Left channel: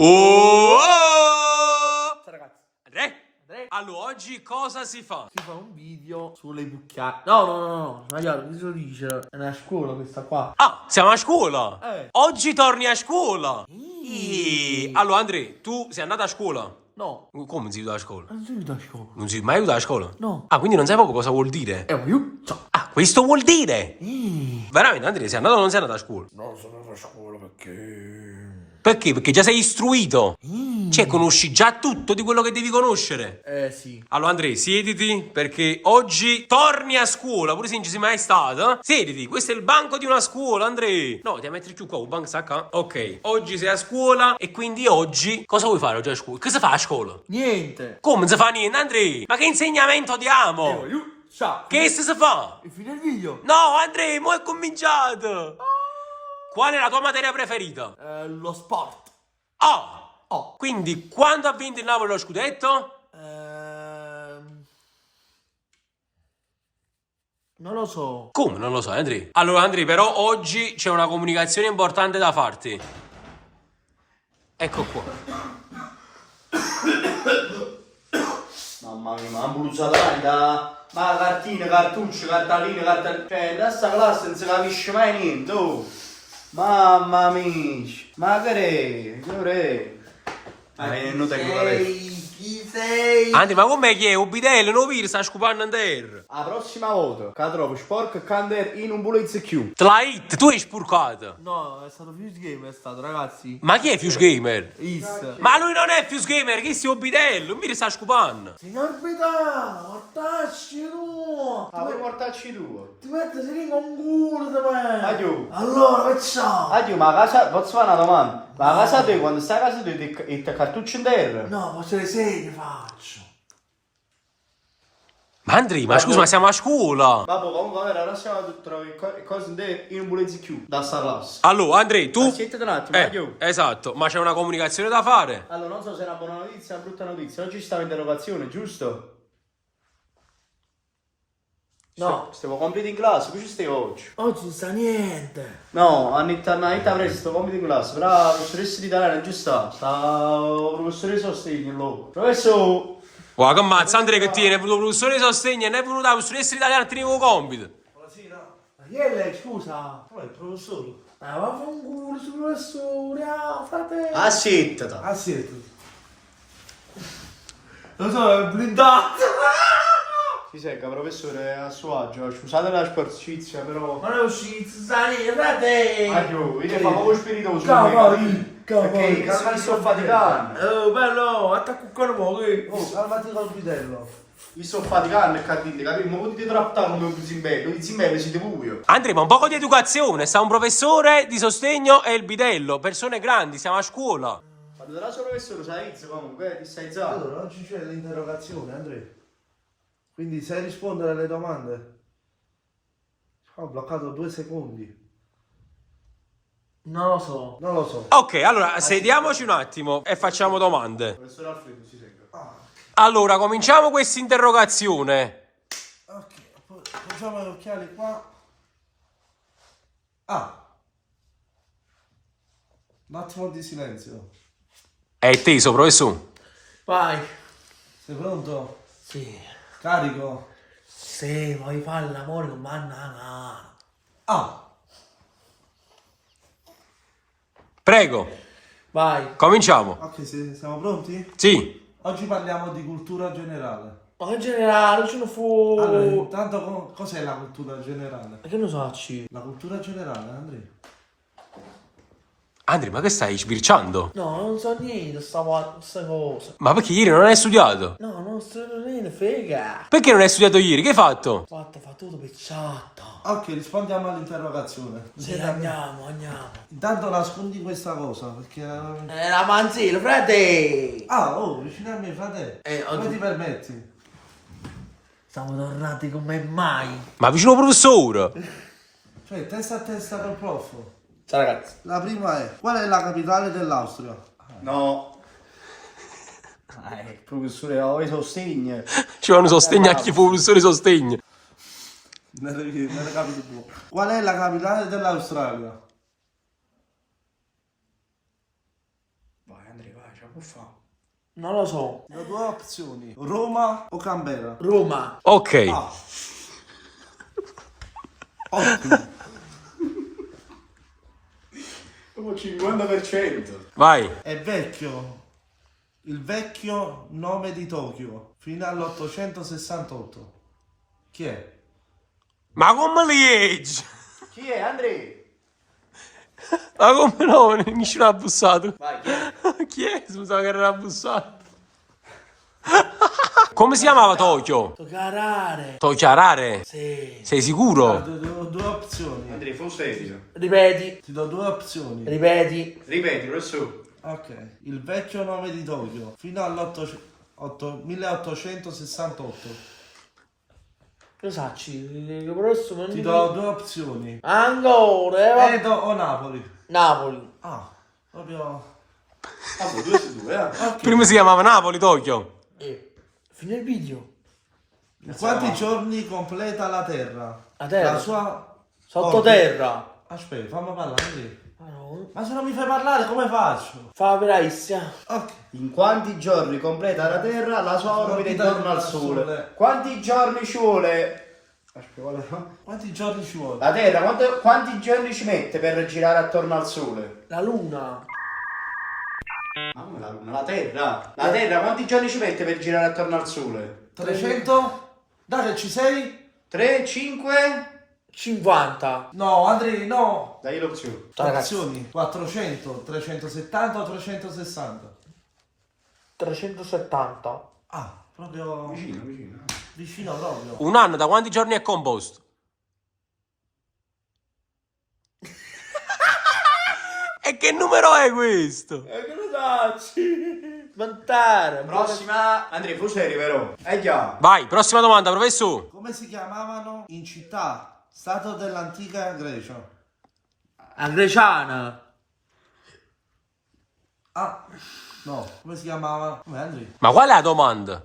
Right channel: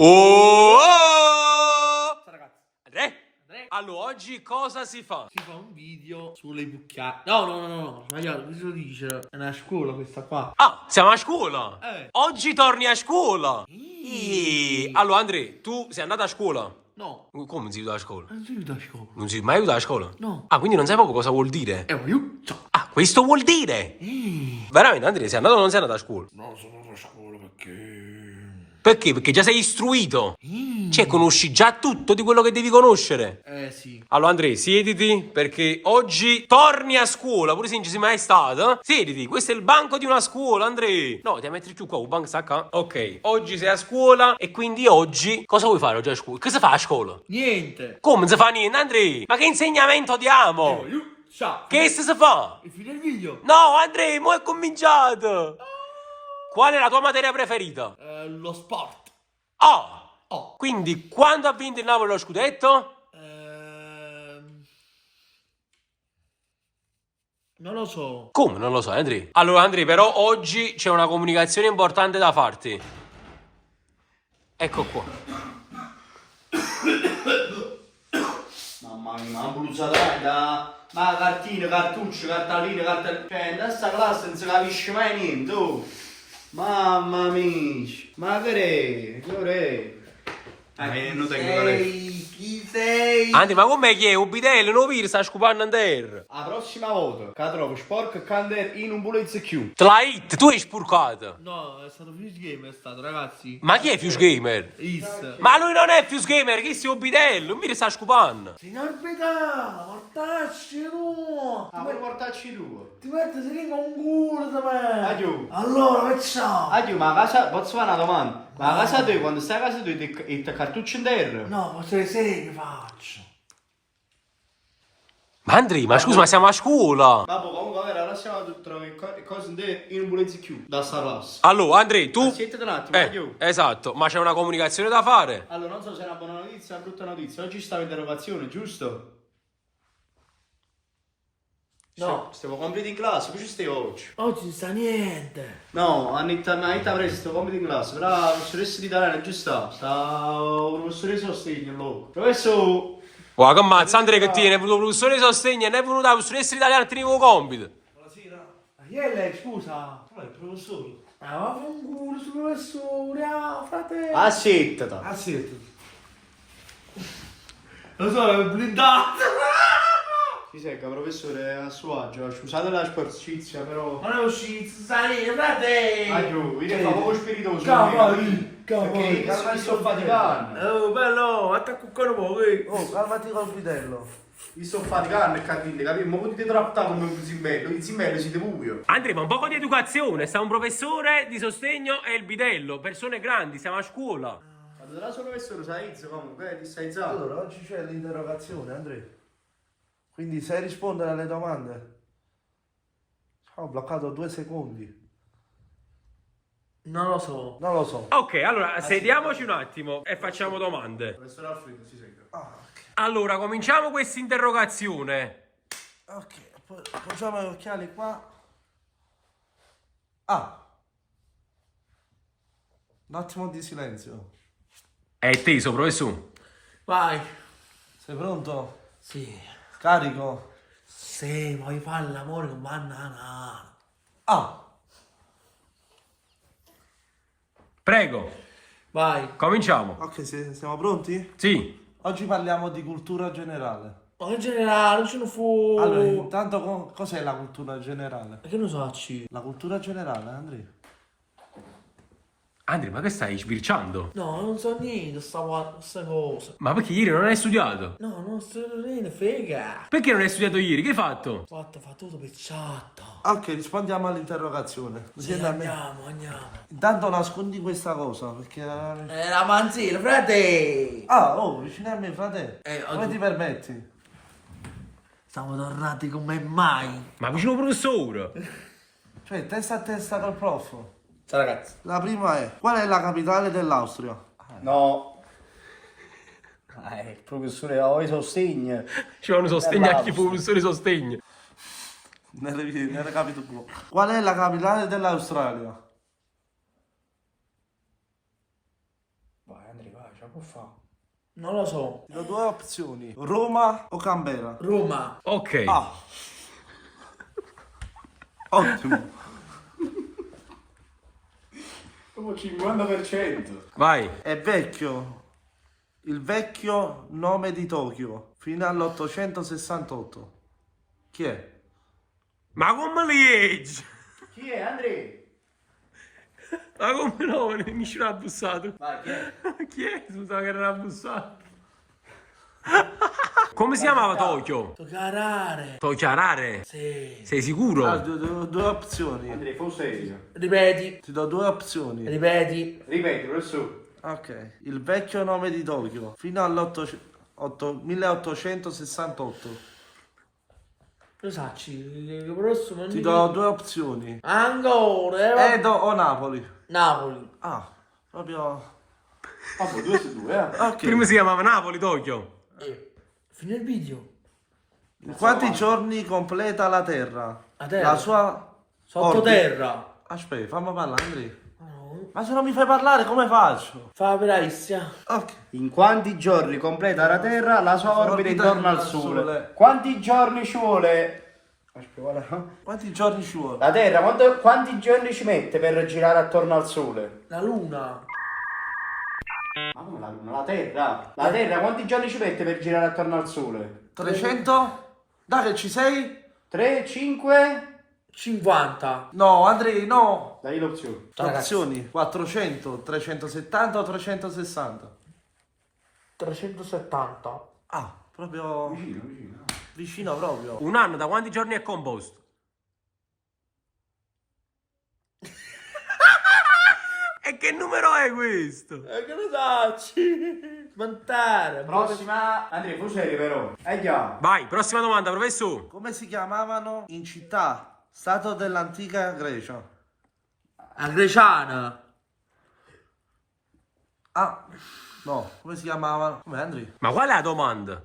Oh! Ragazzi, Andrea? Allora, oggi cosa si fa? si fa un video sulle bucchiate. No, sbagliato, cosa lo dice? È una scuola questa qua. Ah, siamo a scuola! Eh. Oggi torni a scuola! Mm. Allora, Andrea, tu sei andato a scuola? No, Come non sei venuto a scuola? non sei venuto a scuola. Non sei mai venuto a scuola? No. Ah, quindi non sai proprio cosa vuol dire? Ma io? Ciao. Ah, questo vuol dire? Veramente, Andrea, sei andato o non sei andato a scuola? Non sono andato a scuola perché... Perché? Perché già sei istruito. Cioè, conosci già tutto di quello che devi conoscere. Sì. Allora, Andrea, siediti perché oggi torni a scuola, pure se non ci sei mai stato. Siediti, questo è il banco di una scuola, Andrea. No, ti metti giù qua, il banco sta qua. Ok, oggi sei a scuola e quindi oggi cosa vuoi fare oggi a scuola? Che si fa a scuola? Niente. Come non si fa niente, Andrea? Ma che insegnamento diamo? Io? Ciao. Che si fa? E fine il video? No, Andrea, mo è cominciato. Qual è la tua materia preferita? Lo sport. Ah! Oh. Quindi, quando ha vinto il Napoli lo scudetto? Non lo so. Come? Non lo so, Andri. Allora, Andri, però oggi c'è una comunicazione importante da farti. Ecco qua. Mamma mia, ma ha bruciato da... Ma cartine, cartucce, cartaline, Cioè, in questa classe non si capisce mai niente, oh. Mamma mia. Ma che è? Non tengo la lettera. Chi sei? Andri, ma com'è che è? Ubitello, non vedi, sta scupando in terra. La prossima volta che trovo sporco Kander in un bullet Q. Te l'hai hit, tu hai spurcato. No, è stato Fuse Game, è stato, ragazzi. Ma chi è Fuse Gamer? Is. Ma lui non è Fuse Gamer, chi è Ubitello? Non vedi, sta scupando. Signor Beta, mortacci tu! Ah, vuoi portarci tu? Ti metti serino un culo da me! Addio. Allora, facciamo! Addio, ma a casa... Posso fare una domanda? Ma a casa tua, quando stai a casa tua, ti cartucce in terra? No, faccio le seghe, faccio! Ma Andri, ma scusa, ma siamo a scuola. Vabbè, comunque, allora, la prossima volta trovi cose in un bullet Q. Da sta classe. Allora, Andri, tu... Aspetta un attimo, addio. Esatto, ma c'è una comunicazione da fare. Allora, non so se è una buona notizia o una brutta notizia. Oggi ci stava interrogazione, giusto? No. Stiamo compito in classe, tu ci stai oggi? Oggi non sta niente! No, Anita presto, compito in classe. Però la professoressa di italiano non ci sta. Sta la professoressa sostegno loro. Professore! Guarda che ammazza, Andrea, che tiene, è venuto il professore di sostegno e non è venuto la professoressa italiana a tenere il compito. Buonasera! Ma chi è lei, scusa? Ma il professore? Ma va a fare un culo sul professore, frate! Aspettata! Ah, sì. Lo so, è blindato! Si secca, professore, a suo agio. Scusate la sporcizia, però... Ma non è uscito, sta lì, frate! Addio, io fa poco spiritoso. Cavoli, Perché mi sto faticando. Oh, bello, attacco un po', oh, calmati col vitello. Mi sto faticando e capite, capite? Ma potete trattare come un zimbello, di zimbello siete voi. Andrea, ma un po' di educazione, sta un professore di sostegno e il bidello, persone grandi, siamo a scuola. Quando la sua professore sa Izzo comunque, ti stai zitto. Allora, oggi c'è l'interrogazione, Andrea. Quindi sai rispondere alle domande? Ho bloccato 2 secondi. Non lo so. Non lo so. Ok, allora sediamoci un attimo e facciamo domande. Professore Alfredo, si secca. Allora, cominciamo questa interrogazione. Ok, poi facciamo gli occhiali qua. Ah. Un attimo di silenzio. È teso, professore. Vai. Sei pronto? Sì. Carico? Sì, vuoi fare l'amore con banana? Ah. Prego, Vai. cominciamo. Ok, siamo pronti? Sì. Oggi parliamo di cultura generale. Ma in generale, ce ne fu. Allora, intanto cos'è la cultura generale? Che ne sacci? La cultura generale, Andrea? Andrea, ma che stai sbirciando? No, non so niente, queste cose. Ma perché ieri non hai studiato? No, non so niente, frega. Perché non hai studiato ieri? Che hai fatto? Fa tutto picciato. Ok, rispondiamo all'interrogazione. Sì, andiamo. Intanto nascondi questa cosa, perché... La manzina, frate! Ah, oh, vicino a me, frate. Come oggi- ti permetti? Siamo tornati come mai. Ma vicino al professore. Cioè, testa a testa col prof. Ciao ragazzi. La prima è, qual è la capitale dell'Austria? No. Il professore ho i sostegni. Ci vanno sostegno a chi fu professore di sostegno. Nelle capito tu. Qual è la capitale dell'Australia? Vai Andrea, ce la può fare. Non lo so. Ti do due opzioni. Roma o Canberra? Roma. Ok. Ah. Ottimo. Dopo 50%. Vai. È vecchio. Il vecchio nome di Tokyo. Fino all'868. Chi è? Ma come li leggi? Chi è, Andrea? Ma come no? Nessuno ha bussato. Vai, chi è? Chi è? Scusa che era bussato. Come si chiamava Tokyo? Toccare. Tokiarare? Sì. Sei Ah, sicuro? ti do due opzioni. Andrea, fu serio. Ripeti. Ti do due opzioni. Ripeti. Ripetilo, è su. Ok. Il vecchio nome di Tokyo. Fino all'1868. Lo sacci. Il prossimo. Ti do due opzioni. Ancora. Edo o Napoli? Napoli. Ah, proprio... Vabbè, 2 su 2, Ok. Prima si chiamava Napoli, Tokyo. Fine il video. In quanti giorni completa la Terra? La Terra? La sua... Sottoterra. Aspetta, fammi parlare, Andrea. Ma no. Ma se non mi fai parlare, come faccio? Fa bravissima. Ok. In quanti giorni completa la Terra la sua orbita intorno al Sole? Quanti giorni ci vuole? Aspetta, guarda. Quanti giorni ci vuole? La Terra, quanti giorni ci mette per girare attorno al Sole? La luna. Ma come la Luna? La Terra? La Terra quanti giorni ci mette per girare attorno al Sole? 300? Dai che ci sei? 3, 5? 50. No, Andrea, no. Dai l'opzione. Ciao, ragazzi. Opzioni. 400, 370 o 360? 370. Ah, proprio Vicino, vicino. vicino proprio. Un anno da quanti giorni è composto? E che numero è questo? E che lo sacci? Montare. Prossima. Andrea, fu serio però. Già. Vai, prossima domanda, professore. Come si chiamavano in città, stato dell'antica Grecia? A Greciana. Ah, no, come si chiamavano? Come Andrea? Ma qual è la domanda?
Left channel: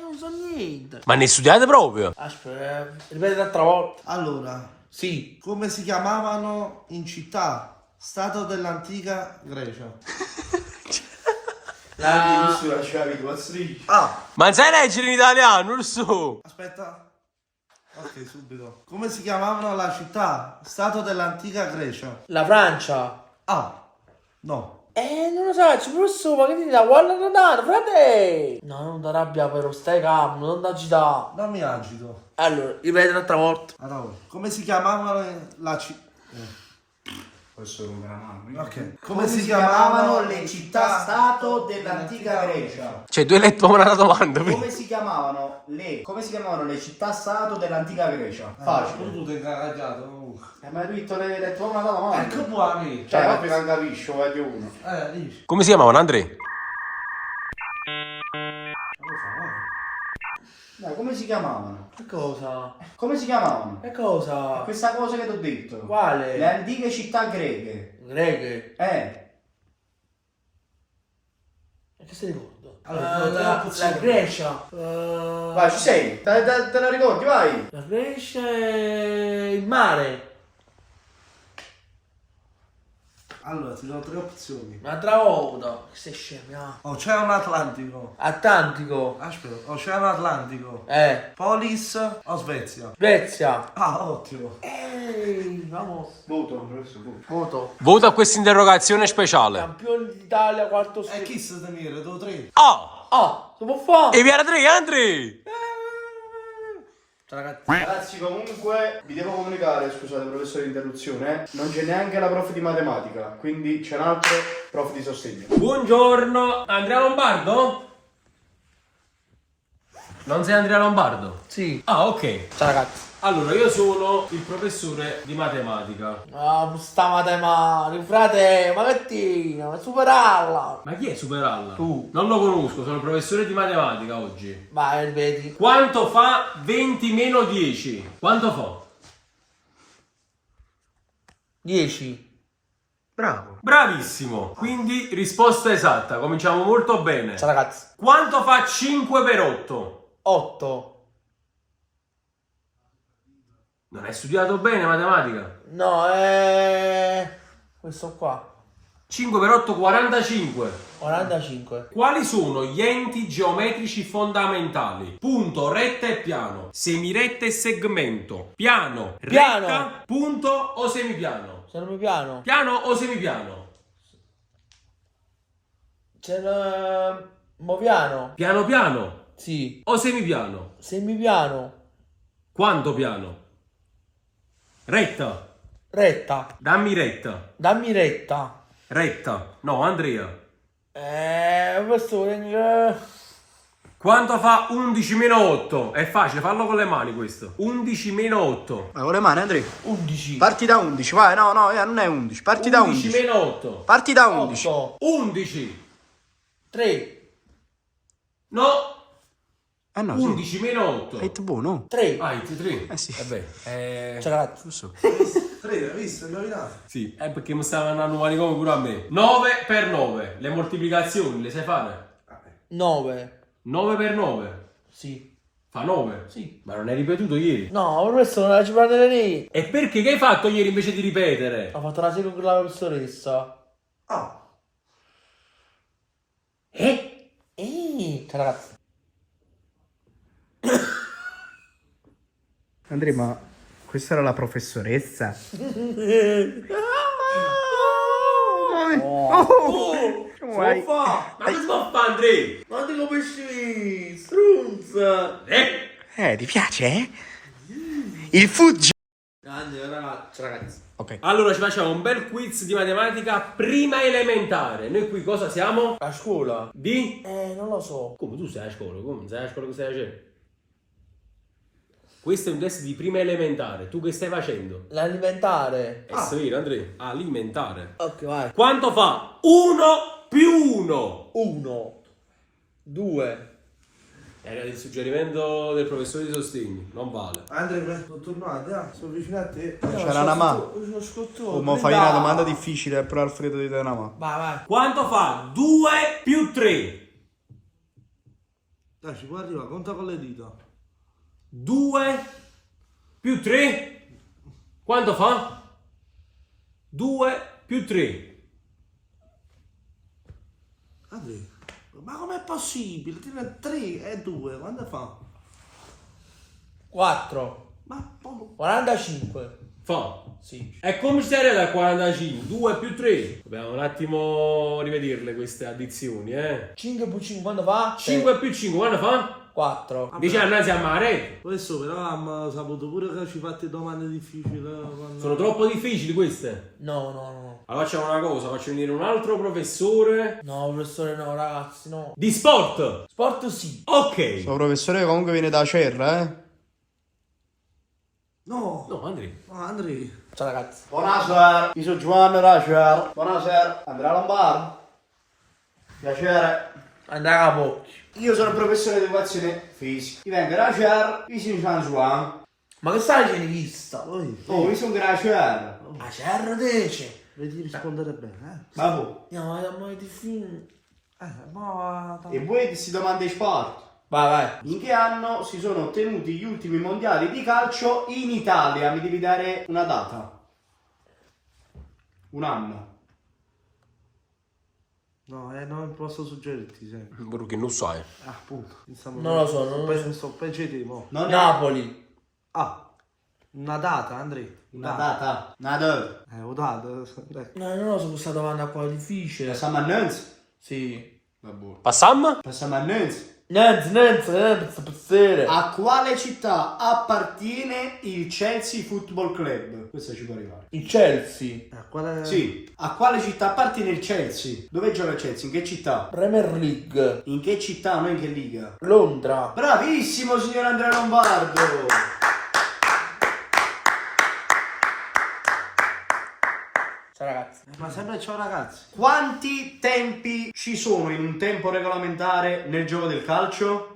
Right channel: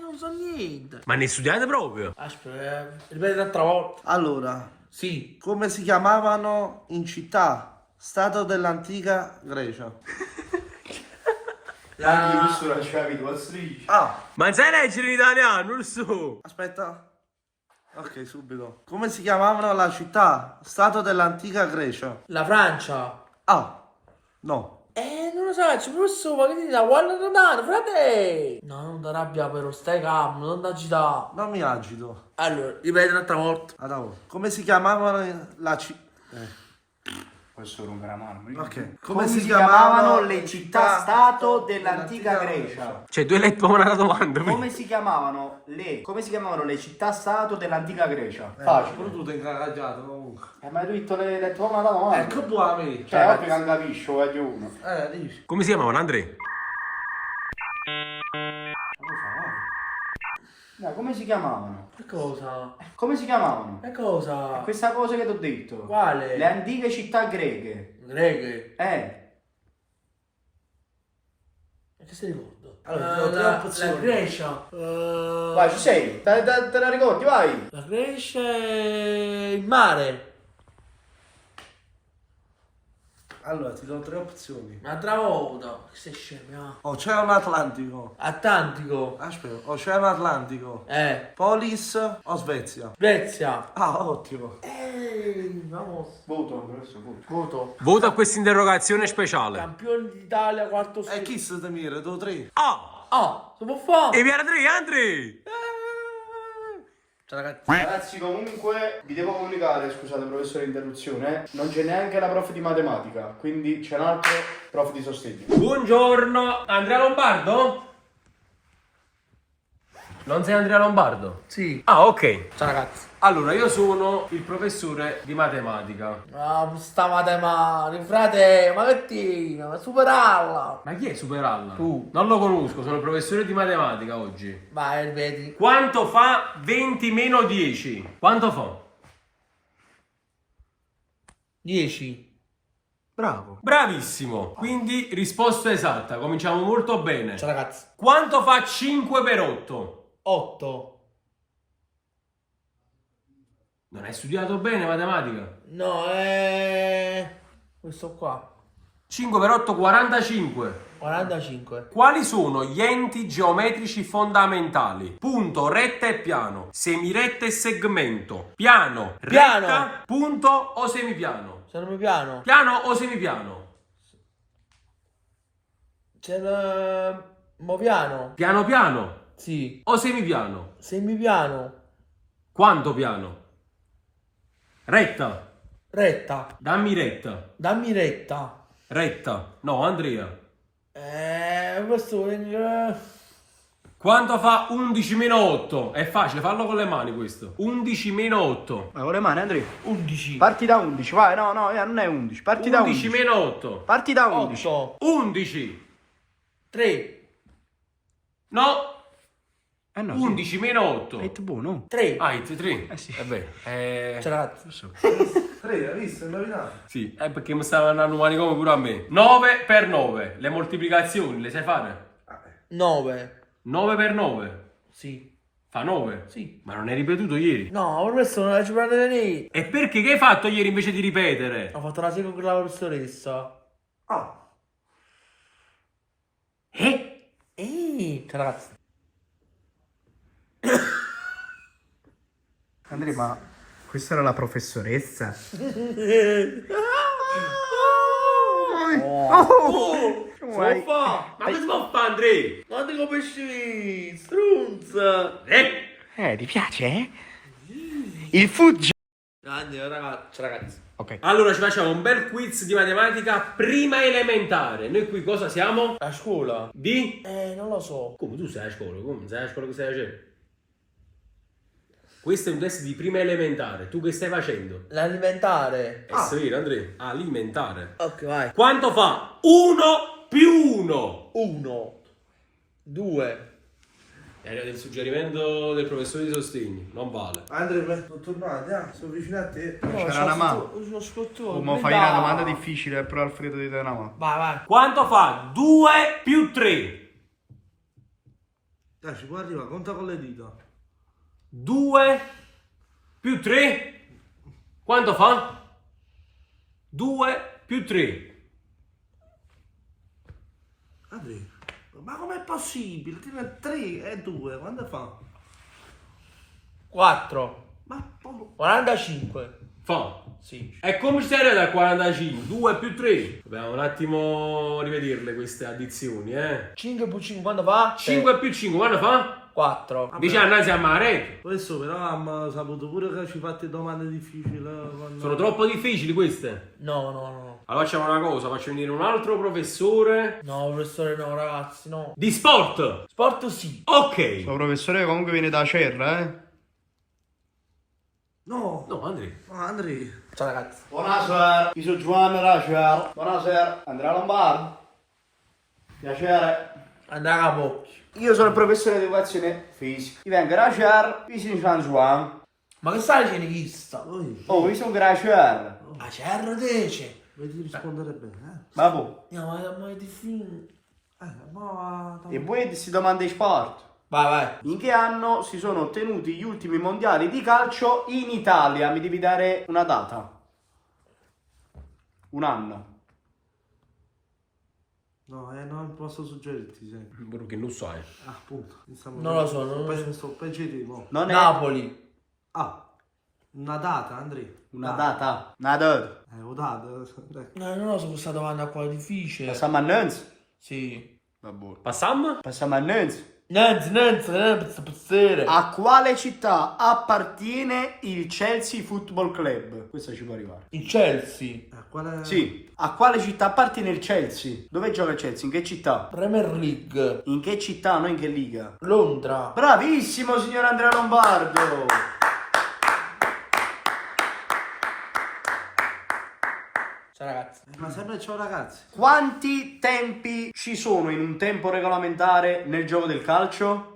Non so niente. Ma ne studiate proprio? Aspetta, ripeti un'altra volta. Allora, Sì. come si chiamavano in città, stato dell'antica Grecia? Anche tu sulla cevi tu a striscia. Ah, Ma non sai leggere in italiano, non so. aspetta. Ok, subito. Come si chiamavano la città, stato dell'antica Grecia? La Francia. Ah, no. Non lo so, ci posso, ma che ti dà? Guarda tornare, frate! No, non ti arrabbia però, stai calmo, non ti agitare. Non mi agito. Allora, ripeti un'altra volta. Allora, come si chiamavano la città? Questo rompe la mano. Ok. Come si chiamavano le città-stato dell'antica Grecia? Cioè, tu hai letto una domanda. Come si chiamavano le città-stato dell'antica Grecia? Facile. Pure tu ti hai incagagliato comunque. Ma hai detto le tue una domanda. Ecco buoni. Cioè, oggi non capisci, vuoi di uno. Dici. Come si chiamavano, Andrea? Dai, come si chiamavano? Che cosa? Come si chiamavano? Che cosa? Questa cosa che ti ho detto. Quale? Le antiche città greche. Greghe. Ma che stai ricordo? Allora, la opzioni. Grecia. Vai, ci sei. Te la ricordi, vai. La Grecia e il mare. Allora, ti do tre opzioni. Un'altra volta. Che sei scemo? Oceano Atlantico. Atlantico. Aspetta, Oceano Atlantico. Polis o Svezia? Svezia. Ah, ottimo. Vamos. Voto, professor, voto. Voto. Voto a questa interrogazione speciale. Campione d'Italia, quarto E studio. chi se te mira? Tu tre? Oh! Ah, si può fare? E via 3, Andrea! Ciao ragazzi. Ragazzi, comunque vi devo comunicare, scusate professore interruzione, non c'è neanche la prof di matematica, quindi c'è un altro prof di sostegno. Buongiorno, Andrea Lombardo? Non sei Andrea Lombardo? Sì. Ah, ok. Ciao ragazzi. Allora, io sono il professore di matematica. Ah, sta matematica, frate, ma che tina, superarla. Ma chi è Superalla? Tu. Non lo conosco, sono il professore di matematica oggi. Vai, ripeti. Quanto fa 20 meno 10? Quanto fa? 10. Bravo. Bravissimo. Quindi risposta esatta, cominciamo molto bene. Ciao ragazzi. Quanto fa 5 per 8? 8. Non hai studiato bene matematica? No, questo qua. 5 per 8, 45. 45. Quali sono gli enti geometrici fondamentali? Punto, retta e piano, semiretta e segmento, piano, Piano. retta, punto o semipiano? Se non mi piano. Piano o semipiano? Se non... Mo piano. Piano piano Sì. o semipiano? Semipiano. Quanto piano? Retta. Retta. Dammi retta. Dammi retta. Retta. No, Andrea. Questo Quanto fa 11 meno 8? È facile, fallo con le mani questo. 11 meno 8. Ma con le mani, Andrea. 11. Parti da 11, vai, no, non è 11. Parti da 11 11. meno 8. Parti da 11. 8. 11. 3. No. Eh no, 11 meno 8. Hai buono. 3. Ah, it 3. Eh sì. Vabbè. Ciao ragazzi. 3, hai visto? Indovinato. Sì, è perché mi stavano andando manicomio pure a me. 9 per 9. Le moltiplicazioni le sai fare? 9. 9 per 9. Sì. Fa 9. Sì. Ma non hai ripetuto ieri. No, per questo non la ci prendere lì. E perché che hai fatto ieri invece di ripetere? Ho fatto una serie con la professoressa. Ah, Ciao ragazzi. Andrea, ma questa era la professoressa? Come fa? Ma che si può fare, Andrea? Ma ti capisci? Strunza. Ti piace, eh? Il fugge. Grande ragazzi. Ok. Allora ci facciamo un bel quiz di matematica prima elementare. Noi qui cosa siamo? A scuola? Di? Non lo so. Come tu sei a scuola? Come sei a scuola che stai facendo? Questo è un test di prima elementare. Tu che stai facendo? L'alimentare. È vero, Andrea? Alimentare. Ok, vai. Quanto fa 1 più 1? 1. 2. Era il suggerimento del professore di sostegno. Non vale. Andrea, sono tornato, sono vicino a te. C'era una mano. Uno scotto. Oh, ma fai una domanda difficile, però Alfredo ti dà una mano. Vai. Quanto fa 2 più 3? Dai, ci può arrivare, conta con le dita. 2 più 3? Quanto fa? 2 più 3. Andrea, ma com'è possibile? 3 e 2, quando fa? 4. Ma 45. Fa. Sì. E come ci sei da 45? 2 più 3. Dobbiamo un attimo rivederle queste addizioni, 5 più 5 quando fa? 5 più 5 quando fa? 4. Dice annanzi a mare. questo però abbiamo saputo pure che ci fate domande difficili. Quando... Sono troppo difficili queste. No. Allora facciamo una cosa, faccio venire un altro professore No, professore, no, ragazzi, no. di sport. Sport sì. Ok. Il professore comunque viene da Cerra, eh? No, No, Andrea. Andrea. Ciao ragazzi. Buonasera, io sono Giovanni Racer. Buonasera, Andrea Lombardo. Piacere. Andare a bocchi. Io sono il professore di educazione fisica. Io vengo da Cerra, vicino San Juan. Ma che stai igienista? Poi, Oh, io sono da Cerra. A cerro dice. vedi rispondere bene, Ma voi? No, ma è difficile. Ma... E voi si domanda di sport? Vai. In che anno si sono ottenuti gli ultimi mondiali di calcio in Italia? Mi devi dare una data. Un anno. No, non posso suggerirti sempre. Perché non sai. Ah, appunto. Non lo so, non lo so. Sto peggio di te, mo. Non è Napoli. Ah, una data, Andrea. una data. Una data. Una data. No, non lo so questa domanda qua è difficile. Passiamo a Nantes? Sì. Vabbè. Passam? Passiamo a Nantes. Nanz. A quale città appartiene il Chelsea Football Club? Questo ci può arrivare. Il Chelsea. Qual è? Sì. A quale città appartiene il Chelsea? Dove gioca il Chelsea? In che città? Premier League. In che città? Non in che liga? Londra. Bravissimo, signor Andrea Lombardo! Ciao ragazzi. Ma sempre ciao ragazzi. Quanti tempi ci sono in un tempo regolamentare nel gioco del calcio?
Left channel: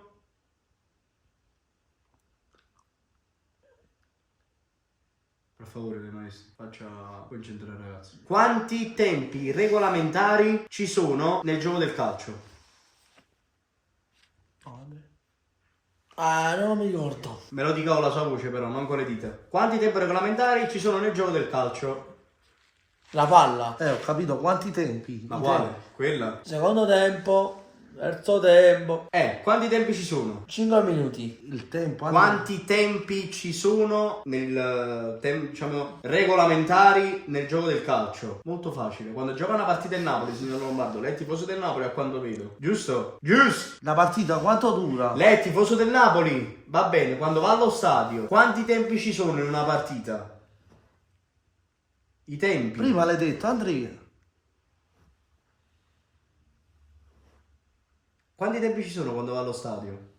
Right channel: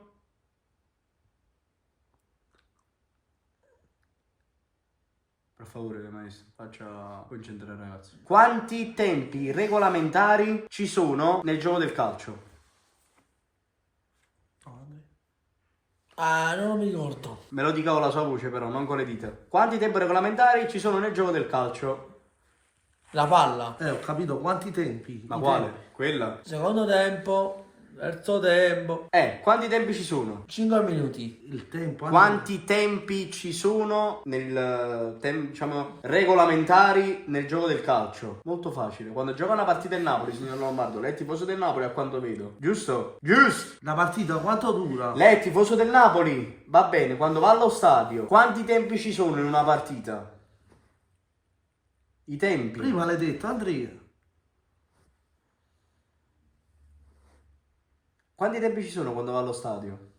Per favore, maestro, faccia concentrare ragazzi. Quanti tempi regolamentari ci sono nel gioco del calcio? Non mi ricordo. Me lo dica con la sua voce però, non con le dita. Quanti tempi regolamentari ci sono nel gioco del calcio? La palla. Ho capito, quanti tempi? Ma I quale? tempi. Quella? Secondo tempo, terzo tempo. Quanti tempi ci sono? 5 minuti. Il tempo, Andrea. Quanti tempi ci sono diciamo, regolamentari nel gioco del calcio? Molto facile. Quando gioca una partita in Napoli, signor Lombardo, lei è tifoso del Napoli a quanto vedo. Giusto? Giusto! La partita quanto dura? Lei è tifoso del Napoli? Va bene, quando va allo stadio, quanti tempi ci sono in una partita? I tempi. Prima l'hai detto, Andrea. Quanti tempi ci sono quando va allo stadio?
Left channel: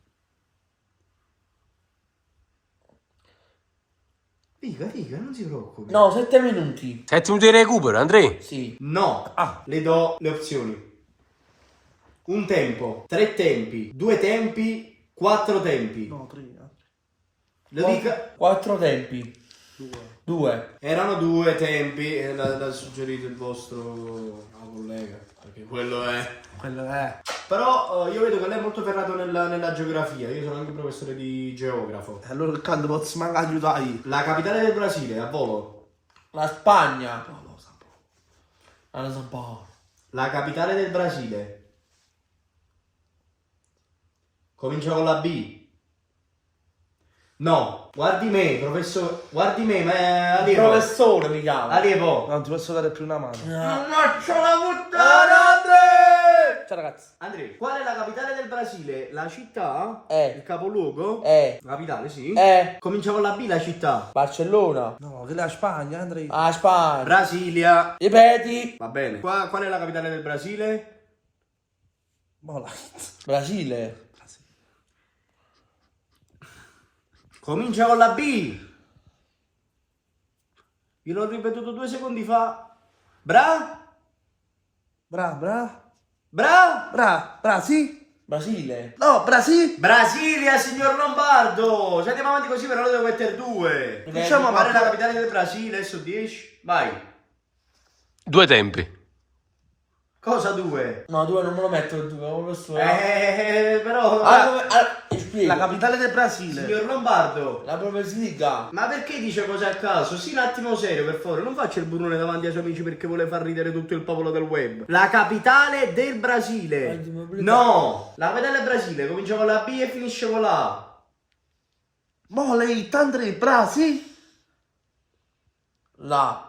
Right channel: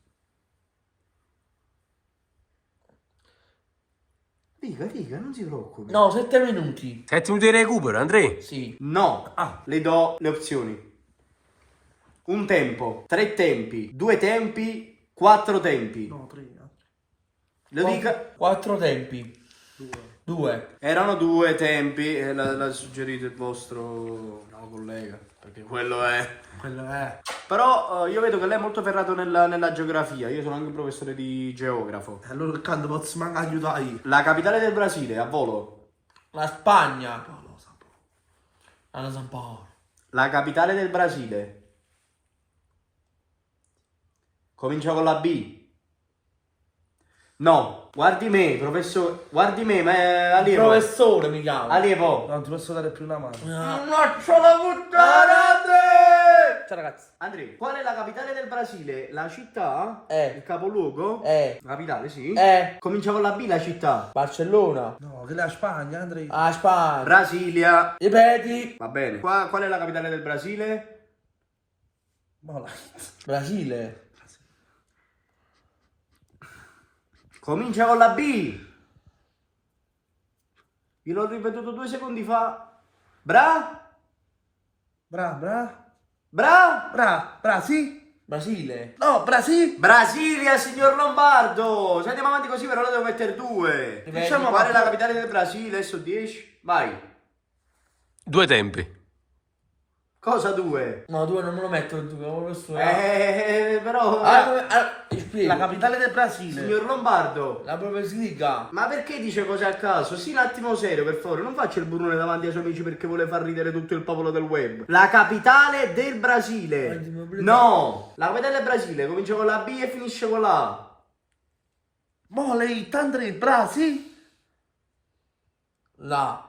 Dica, non si preoccupi. No, 7 minuti. 7 minuti di recupero, Andrea. Sì. No, Ah. le do le opzioni. Un tempo, 3 tempi, 2 tempi, 4 tempi. No, 3. Lo dica. 4 tempi. 2. Erano 2 tempi e l'ha suggerito il vostro collega, perché quello è. Quello è. Però io vedo che lei è molto ferrato nella geografia, io sono anche professore di geografo. Allora il canto posso magari aiutare. La capitale del Brasile, a volo. La Spagna. No, lo so. La non so un po'. La capitale del Brasile. Comincia con la B. No, guardi me, professore. Guardi me, ma allievo. Professore mi chiama. Allievo. Non ti posso dare più una mano. Faccio la puttana, Ciao ragazzi. Andrea, qual è la capitale del Brasile? La città? Eh. Il capoluogo? Eh. La capitale, sì. Eh. Comincia con la B, la città. Barcellona. No, che è la Spagna, Andrea. Ah, Spagna. Brasilia. Ripeti. Va bene. Qual è la capitale del Brasile? Boh, Brasile. Comincia con la B. Vi l'ho ripetuto 2 secondi fa. Bra? sì? Brasile. No, Brasile. Brasilia, signor Lombardo. Se andiamo avanti così però ne devo mettere 2. Diciamo, Qual è la capitale del Brasile? Su 10. Vai. 2 tempi. Cosa 2? No, 2 non me lo metto il 2, professore. Però... Spiego. La capitale del Brasile. Signor Lombardo. La Bundesliga. Ma perché dice cose a caso? Sì, un attimo serio, per favore. Non faccia il burrone davanti ai suoi amici perché vuole far ridere tutto il popolo del web. La capitale del Brasile. No. La capitale del Brasile comincia con la B e finisce con la A. Mo lei, Andrea, Brasile. La.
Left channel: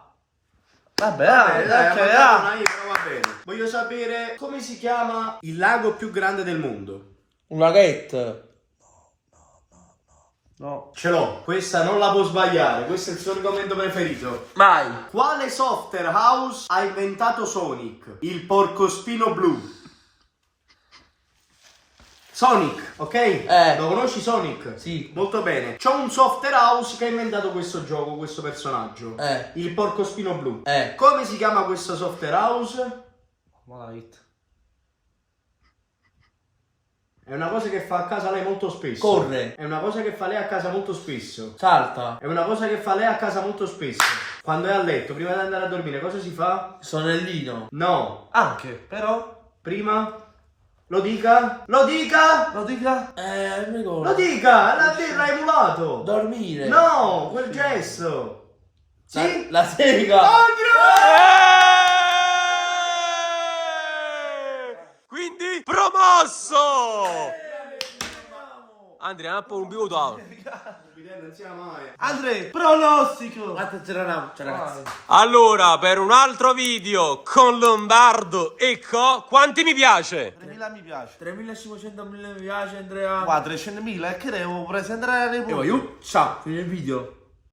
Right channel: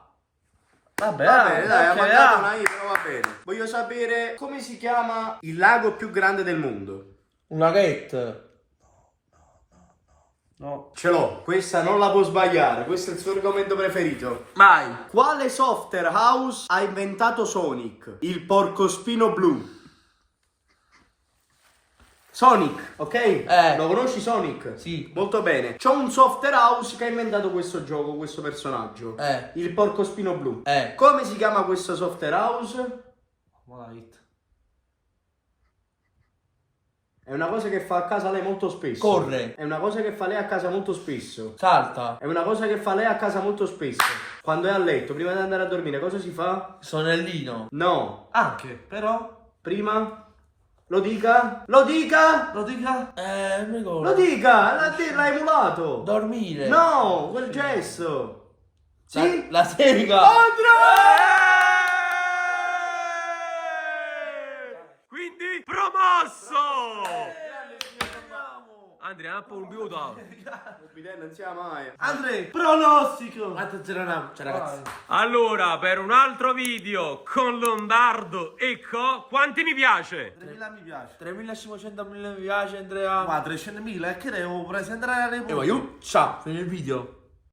Vabbè, Dai, ok, ma io, però va bene. Voglio sapere come si chiama il lago più grande del mondo. Un laghetto. No. Ce l'ho, questa non la può sbagliare, questo è il suo argomento preferito. Vai. Quale software house ha inventato Sonic? Il porcospino blu. Sonic, ok? Lo conosci Sonic? Sì. Molto bene. C'è un software house che ha inventato questo gioco, questo personaggio. Il porcospino blu. Come si chiama questo software house? Malite. È una cosa che fa a casa lei molto spesso. Corre. È una cosa che fa lei a casa molto spesso. Salta. È una cosa che fa lei a casa molto spesso. Quando è a letto, prima di andare a dormire, cosa si fa? Sonnellino. No. Anche, però. Prima? Lo dica? Lo dica? Lo dica? Non mi ricordo. Lo dica! L'ha emulato! Dormire. No, quel gesto! Sì? La sega. Quindi promosso! Andrea, un po' un minuto. Non sia mai. Andrea, pronostico. Attenzione, ciao ragazzi. Allora, per un altro video con Lombardo e quanti mi piace? 3.000 mi piace. 3500 mi piace, Andrea. Qua 300.000 e che devo presentare le E voglio. Ciao, fine il video.